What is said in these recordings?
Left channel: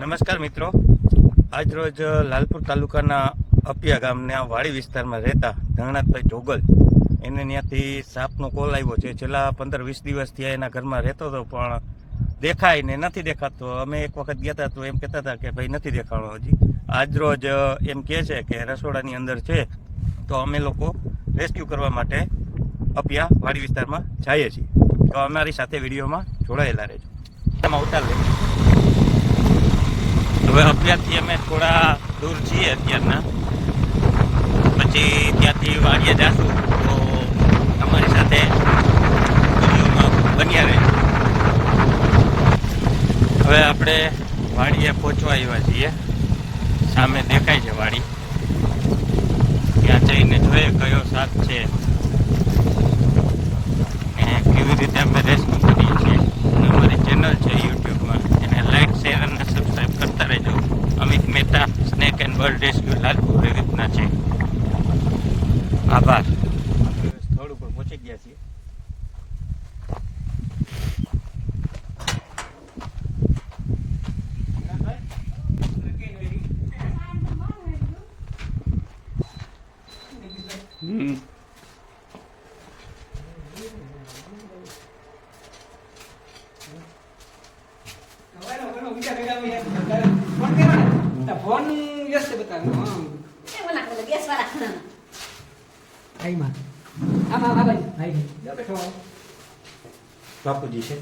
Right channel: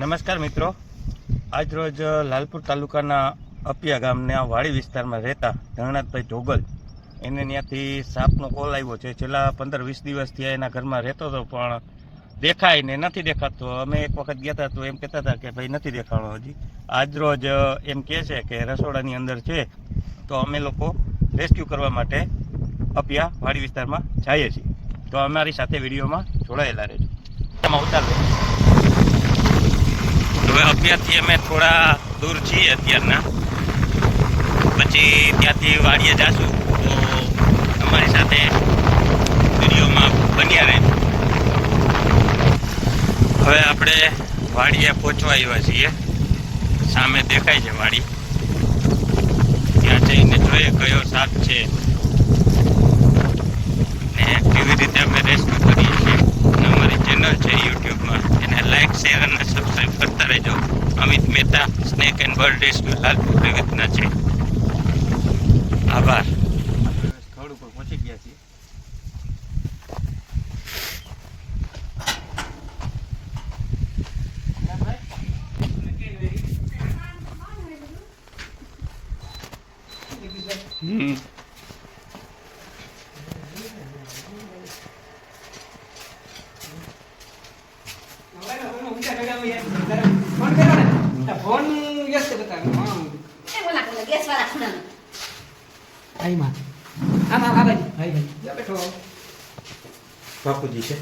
નમસ્કાર મિત્રો. આજરોજ લાલપુર તાલુકાના અપિયા ગામના વાડી વિસ્તારમાં રહેતા ધંગનાથભાઈ જોગલ એને ત્યાંથી સાપનો કોલ આવ્યો છે. છેલ્લા પંદર વીસ દિવસથી એના ઘરમાં રહેતો હતો, પણ દેખાય ને નથી દેખાતો. અમે એક વખત ગયા હતા તો એમ કહેતા હતા કે, ભાઈ, નથી દેખાણો હજી. આજરોજ એમ કહે છે કે, રસોડાની અંદર છે, તો અમે લોકો રેસ્ક્યુ કરવા માટે અપિયા વાડી વિસ્તારમાં જઈએ છીએ. તો અમારી સાથે વિડીયોમાં જોડાયેલા રહેજો. એમાં ઉતારજો હવે અત્યારથી અમે થોડા દૂર છીએ અત્યારના. પછી ત્યાંથી વાડીએ જાશું. તો અમારી સાથે વિડીયોમાં બન્યા રહે. હવે આપણે વાડીએ પહોંચવા આવ્યા છીએ. સામે દેખાય છે વાડી. ત્યાં જઈને જોઈએ કયો સાપ છે ને કેવી રીતે અમે રેસ્ક્યુ કરીએ છીએ અને અમારી ચેનલ છે યુટ્યુબમાં એને લાઈક શેર અને સબસ્ક્રાઈબ કરતા રહેજો Amit Mehta snake and bird rescue Lalpur વિવિધના છે. આભાર. સ્થળ ઉપર પહોંચી ગયા છીએ. હમ. ફોન વ્યસ્ત બતાવ્યો હા. એ ઓલા કલર ગેસ વાળા ખૂણામાં. આઈમાં આમાં આ બાજુ ભાઈ. ભાઈ. જા બેઠો. બાપુજી છે.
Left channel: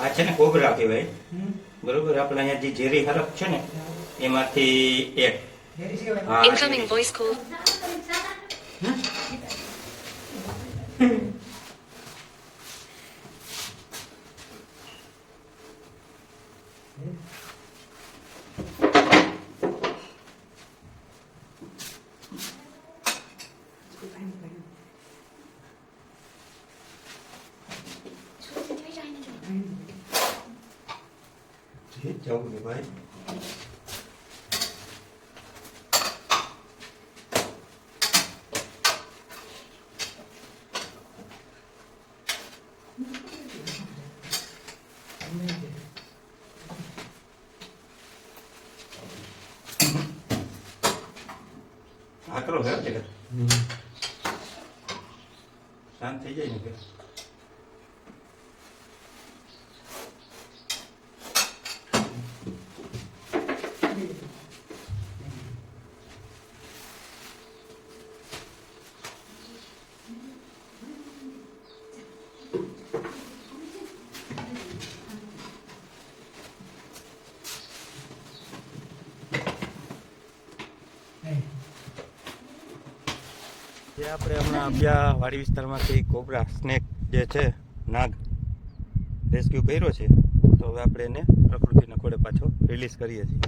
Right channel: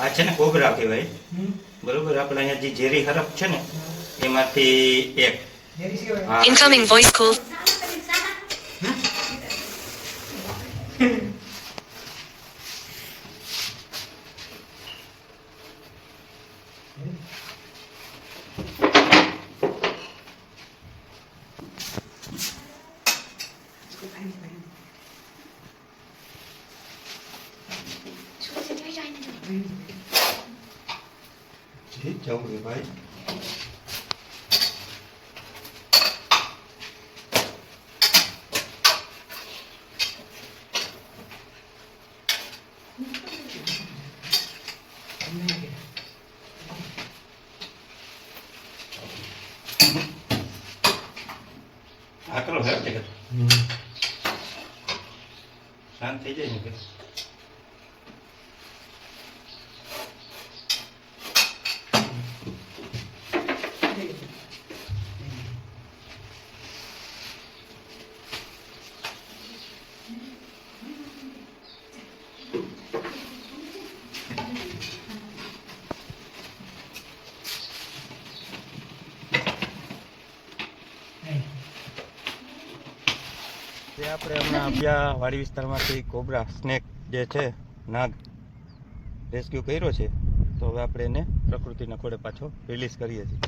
આ છે ને કોબરા કહેવાય. બરોબર? આપણે અહીંયા જે ઝેરી હરફ છે ને એમાંથી એક. ઇન્કમિંગ વોઇસ voice 嗯。嗯。我陪你陪你。出去买菜呢。嗯。谁叫你买？આકરો છે જગત શાંત થઈ જાય ને જે આપણે હમણાં અભ્યા વાડી વિસ્તારમાંથી કોબરા સ્નેક જે છે, નાગ રેસ્ક્યુ કર્યો છે, તો હવે આપણે એને પ્રકૃતિના ખોળે પાછો રિલીઝ કરીએ છીએ.